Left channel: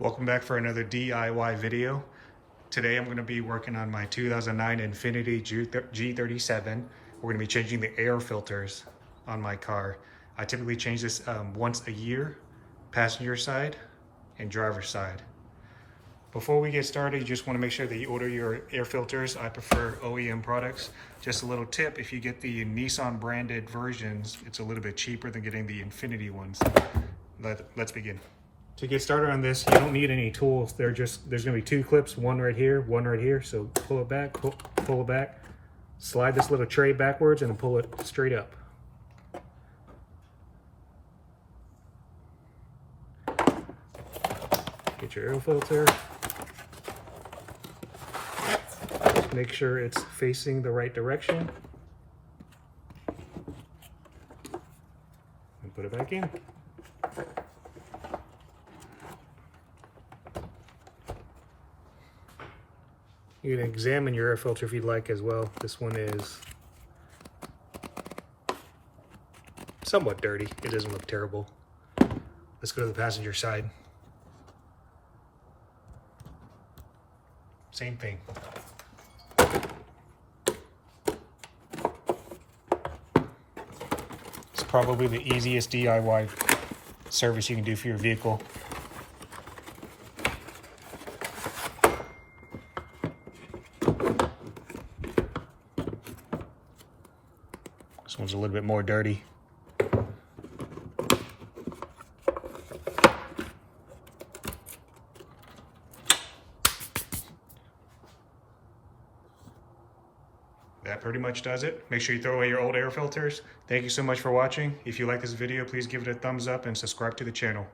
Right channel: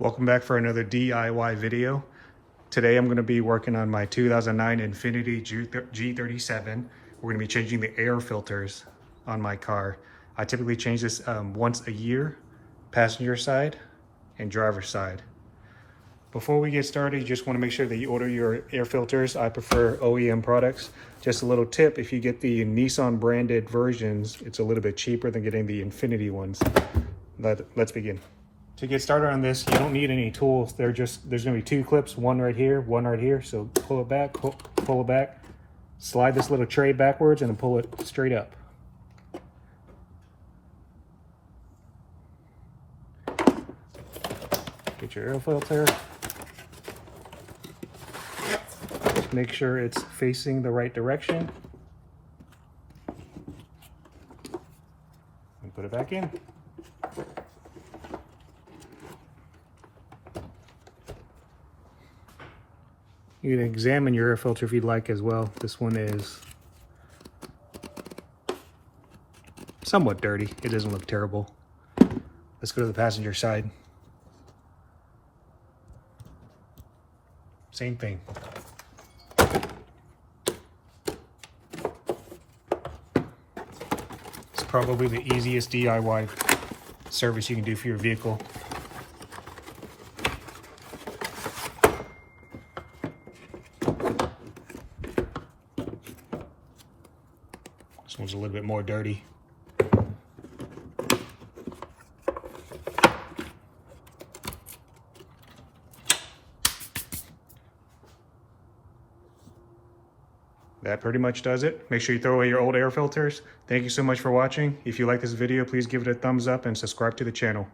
Welcome back for another DIY video. Today I'm going to be working on my 2009 Infiniti G37. We're going to be changing the air filters on my car. I typically change this once a year, passenger side and driver side. Before we get started, you just want to make sure that you order your air filters. I prefer OEM products. Just a little tip, if you get the Nissan branded versions, it's a little bit cheaper than getting the Infiniti ones. Let's begin. To get started on this, you don't need any tools. There's gonna be two clips, one right here, one right here. So pull it back, pull it back, slide this little tray backwards and then pull it straight up. Get your air filter. Make sure it's facing the right direction. And put it back in. You can examine your air filter if you'd like as well. This one is somewhat dirty. It doesn't look terrible. Let's go to the passenger side. Same thing. It's probably the easiest DIY service you can do for your vehicle. This one's a little bit more dirty. That pretty much does it. Make sure you throw away your old air filters. Thank you so much for watching. If you like this video, please give it a thumbs up and subscribe to the channel.